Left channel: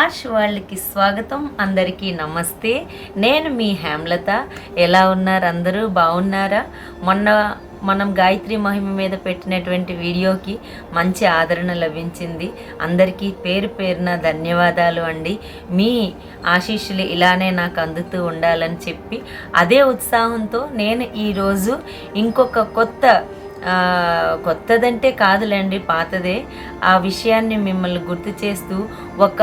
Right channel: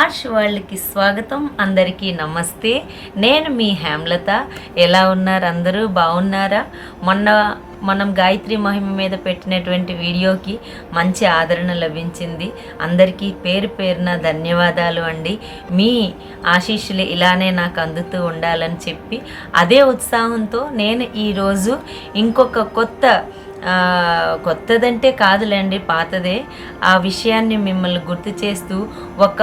ఆర్ష్ వరల్డ్కి స్వాగతం. అందరికీ నమస్తే. నేను మీ హేమలత. ఎలా ఉన్నారు? అందరూ బాగున్నారా? మనం గాయత్రి మహిమ మీద పెట్టినటువంటి వీడియోకి మంచి ఆదరణ లభించింది. అందరికీ పేరు పేరున ధన్యవాదాలు అండి. మీ ఆశీస్సులు ఇలానే నాకు అందుతూ ఉండాలని చెప్పి అదే ఉత్సాహంతో నేను ఈరోజు ఇంకొక కొత్తదంటే కాదులేండి, పాతదే, ఆ విషయాన్ని మిమ్మల్ని గుర్తు చేస్తూ ఒక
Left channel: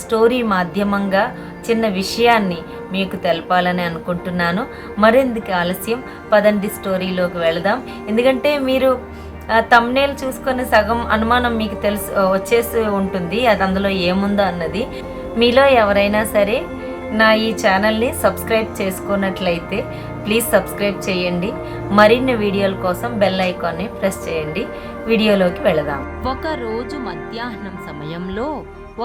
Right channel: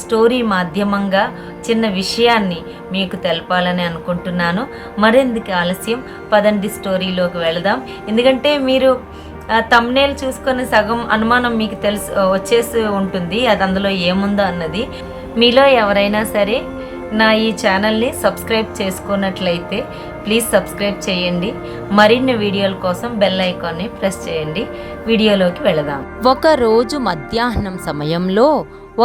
స్టోరీ మాధ్యమంగా చిన్న విషయాన్ని మీకు తెలపాలని అనుకుంటున్నాను. మరెందుకు ఆలస్యం, పదండి స్టోరీలోకి వెళదాం. ఎందుకంటే మీరు థంబ్నెయిల్ చూసుకొని సగం అనుమానం మీకు వచ్చేసి ఉంటుంది అది అందులో ఏముందో అన్నది. మీలో ఎవరైనా సరే నా ఈ ఛానల్ని సబ్స్క్రైబ్ చేసుకున్నట్లయితే ప్లీజ్ సబ్స్క్రైబ్ చేయండి. మరిన్ని వీడియోల కోసం బెల్ ఐకాన్ని ప్రెస్ చేయండి. వీడియోలోకి వెళదాం. ఒకరోజు మధ్యాహ్నం సమయంలో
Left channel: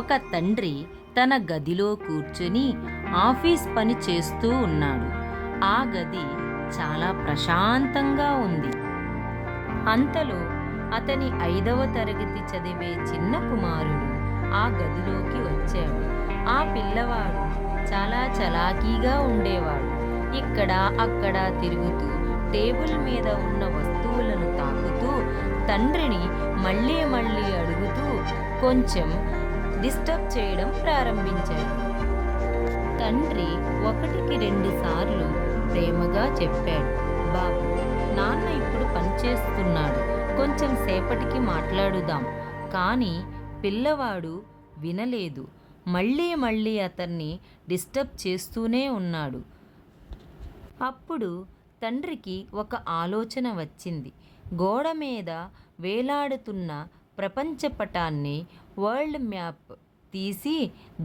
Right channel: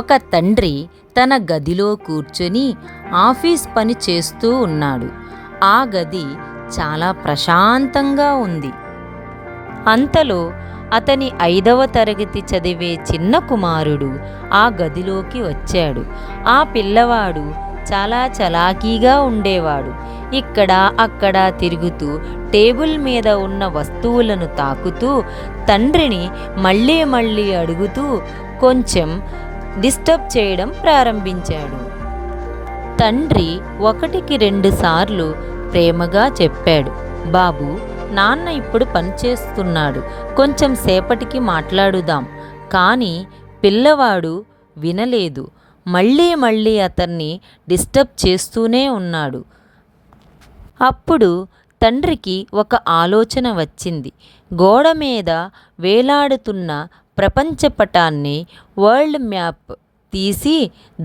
ఒక తండ్రి తన గదిలో కూర్చొని ఆఫీస్ పని చేస్తూ ఉన్నాడు. ఆ గది చాలా ప్రశాంతంగా ఉంది. అంతలో అతని 5వ తరగతి చదివే చిన్న కుమారుడు ఆ గదిలోకి వచ్చాడు. ఆ పిల్లవాడు చాలా చలాకీగా ఉండేవాడు. ఇక్కడ అక్కడ తిరుగుతూ టేబుల్ మీద ఉన్న వస్తువులను తాకుతూ తండ్రిని మళ్ళీ మళ్ళీ అడుగుతూ కొంచెం డిస్టర్బ్ చేయడం ప్రారంభించాడు. తండ్రి 1కి 2 సార్లు ప్రేమగా చెప్పాడు, బాబు, నాన్న ఇప్పుడు పనిచేస్తున్నాడు, కొంచెం సేపటికి మాట్లాడుదాం. కానీ పిల్లవాడు వినలేదు. మళ్ళీ మళ్ళీ అతన్ని డిస్టర్బ్ చేస్తూనే ఉన్నాడు. అప్పుడు తండ్రికి ఒక ఆలోచన వచ్చింది. గోడ మీద వేలాడుతున్న ప్రపంచ పటాన్ని, వరల్డ్ మ్యాప్ తీసి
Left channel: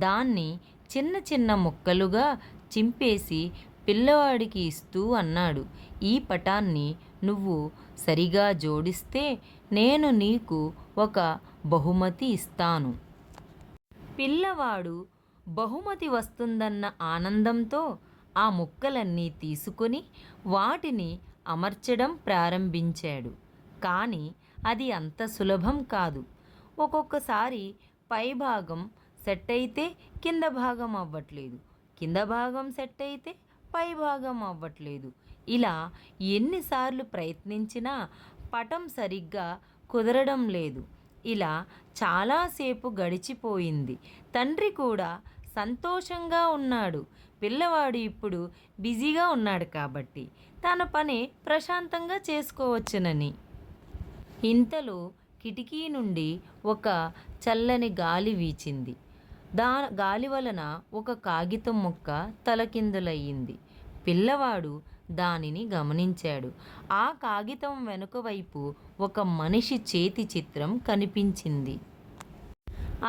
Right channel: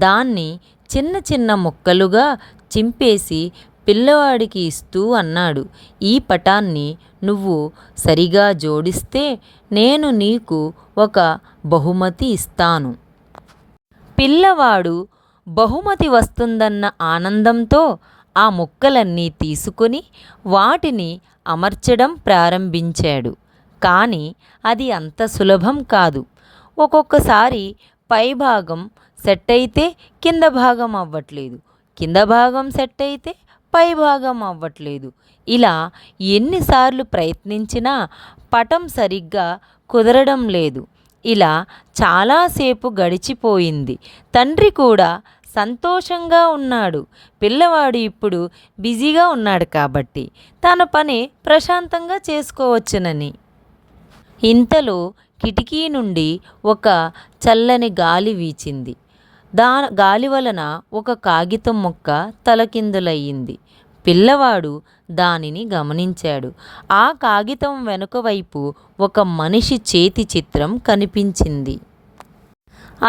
దాన్ని చిన్న చిన్న ముక్కలుగా చింపేసి పిల్లవాడికి ఇస్తూ అన్నాడు, ఈ పటాన్ని నువ్వు సరిగా జోడిస్తే నేను నీకు ఒక బహుమతి ఇస్తాను. పిల్లవాడు బహుమతి వస్తుందన్న ఆనందంతో ఆ ముక్కలన్నీ తీసుకుని వాటిని అమర్చడం ప్రారంభించాడు. కానీ అది అంత సులభం కాదు. ఒక్కొక్కసారి పైభాగం సెట్ అయితే కింద భాగం అవ్వట్లేదు, కింద భాగం సెట్ అయితే పైభాగం అవ్వట్లేదు. ఇలా ఎన్నిసార్లు ప్రయత్నించినా పటం సరిగ్గా కుదరడం లేదు. ఇలా చాలాసేపు గడిచిపోయింది. తండ్రి కూడా సంతోషంగా ఉన్నాడు. పిల్లవాడు ఇప్పుడు బిజీగా ఉన్నాడు కాబట్టి తన పని ప్రశాంతంగా చేసుకోవచ్చునని. ఇంతలో కిటికీ నుండి ఒక చల్లని గాలి వీచింది. గాలి వలన ఒక కాగితం ముక్క తలకిందులయ్యింది. పిల్లవాడు దానిని గమనించాడు. ఆ కాగితం వెనుక వైపు ఒక మనిషి చేతి చిత్రం కనిపించింది.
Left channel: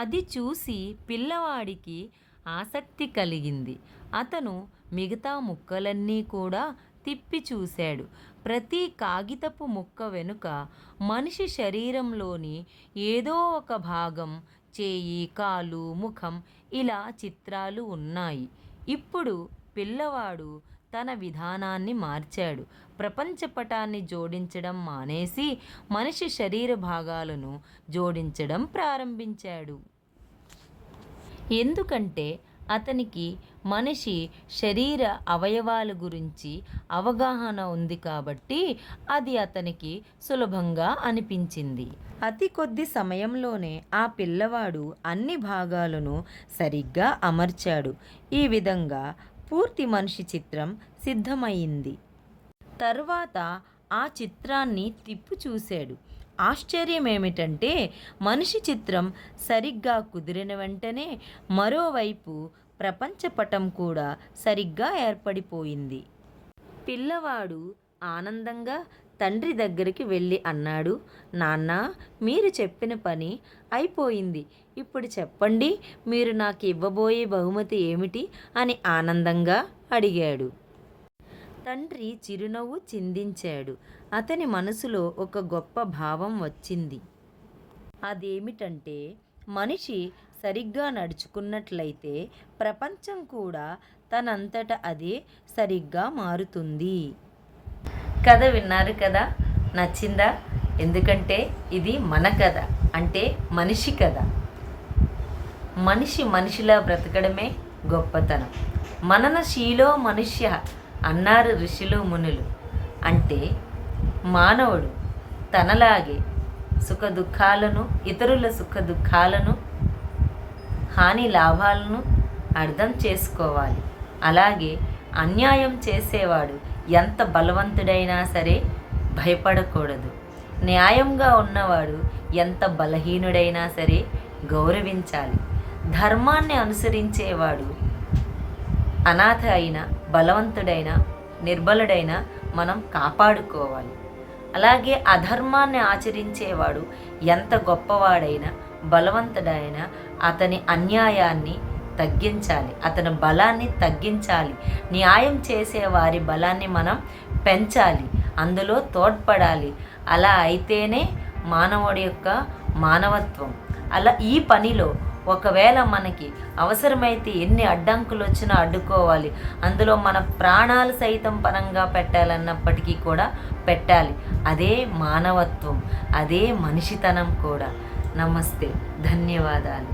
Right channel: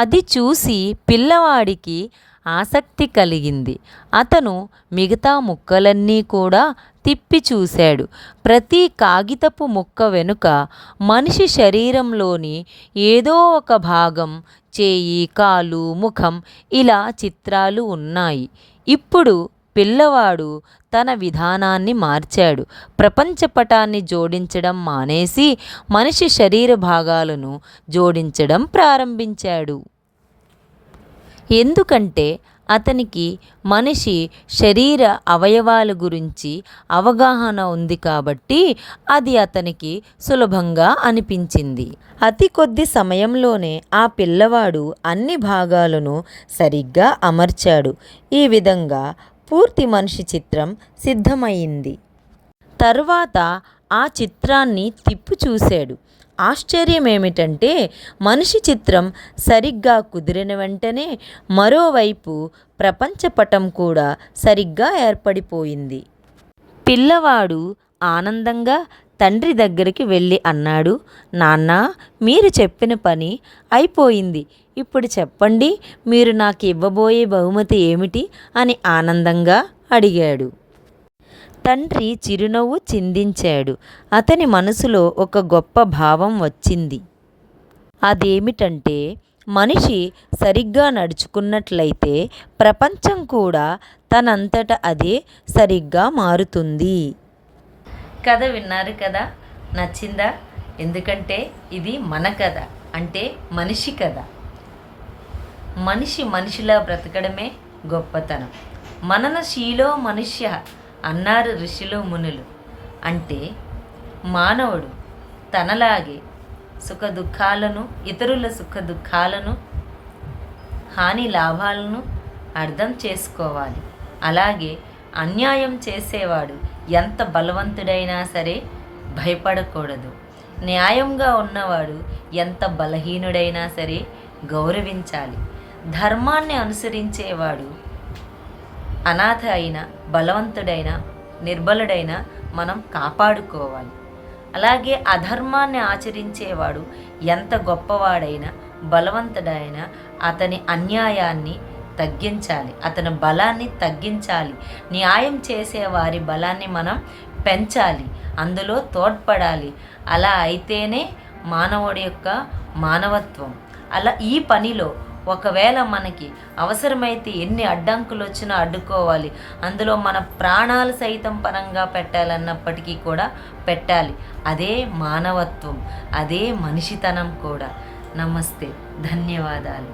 అది చూసి పిల్లవాడికి ఆసక్తి కలిగింది. అతను మిగతా ముక్కలన్నీ కూడా తిప్పి చూశాడు. ప్రతి కాగితపు ముక్క వెనుక మనిషి శరీరంలోని ఏదో ఒక భాగం, చేయి, కాలు, ముఖం, ఇలా చిత్రాలు ఉన్నాయి. ఇప్పుడు పిల్లవాడు తన విధానాన్ని మార్చాడు. ప్రపంచపటాన్ని జోడించడం మానేసి మనిషి శరీర భాగాలను జోడించడం ప్రారంభించాడు. ఎందుకంటే అతనికి మనిషి శరీర అవయవాల గురించి అవగాహన ఉంది కాబట్టి అది అతనికి సులభంగా అనిపించింది. అతి కొద్ది సమయంలోనే ఆ పిల్లవాడు అన్ని భాగాలను సరిగ్గా అమర్చాడు. ఈ విధంగా పూర్తి మనిషి చిత్రం సిద్ధమైంది. తర్వాత ఆ చిత్రాన్ని తిప్పి చూశాడు. ఆశ్చర్యం ఏమిటంటే మనిషి చిత్రం సరిగ్గా కుదిరిన వెంటనే మరోవైపు ప్రపంచపటం కూడా సరిగ్గా ఏర్పడిపోయింది. పిల్లవాడు ఆనందంగా తండ్రి దగ్గరికి వెళ్ళి అన్నాడు, నాన్న, మీరు చెప్పిన పని అయిపోయింది. ఇప్పుడు చెప్పండి, మీరు నాకు ఇవ్వబోయే బహుమతి ఏమిటి అని ఆనందంగా అడిగాడు. తండ్రి చిరునవ్వు చిందించాడు. అతని మనసులో ఒక గొప్ప భావం వచ్చింది. అదేమిటంటే మనిషి సరిగ్గా నడుచుకున్నట్లయితే ప్రపంచం కూడా తనంతట అదే సరిగ్గా మారుతుంది. కథ విన్నారు కదా, నచ్చిందా? ఎందుకంటే ఇది మన కథ, అంటే మనిషి కథ. మనిషిలా బ్రతకడమే గొప్పతనం. మననశీలో మనుష్య అన్నారు ఋషులు మునులు. అంటే మానవుడు తనలాగే సుఖదుఖాలను, ఇతరుల సుఖదుఖాలను, హాని లాభాలను అర్థం చేసుకోవాలి. అలాగే అన్యాయం చేసేవాడు ఎంత బలవంతుడైనా సరే భయపడకూడదు. న్యాయంగా ఉన్నవాడు ఎంత బలహీనుడైనా సరే గౌరవించాలి. ధర్మాన్ని అనుసరించేవాడు అనాథ అయిన, బలవంతుడైన, నిర్బలుడైన మనం కాపాడుకోవాలి. అలాగే అధర్మాన్ని ఆచరించేవాడు ఎంత గొప్పవాడైనా, బలవంతుడైనా అతని అన్యాయాన్ని తగ్గించాలి, అతని బలాన్ని తగ్గించాలి. న్యాయం చేసే వారి బలాన్ని మనం పెంచాలి, అందులో తోడ్పడాలి. అలా అయితేనే మానవుడి యొక్క మానవత్వం. అలా ఈ పనిలో ఒకవేళ మనకి అవసరమైతే ఎన్ని అడ్డంకులు వచ్చినా అడ్డుకోవాలి. అందులో మన ప్రాణాలు సైతం పరంగా పెట్టాలన్నప్పటికీ కూడా పెట్టాలి. అదే మానవత్వం, అదే మనిషితనం కూడా. నమస్తే, ధన్యవాదాలు.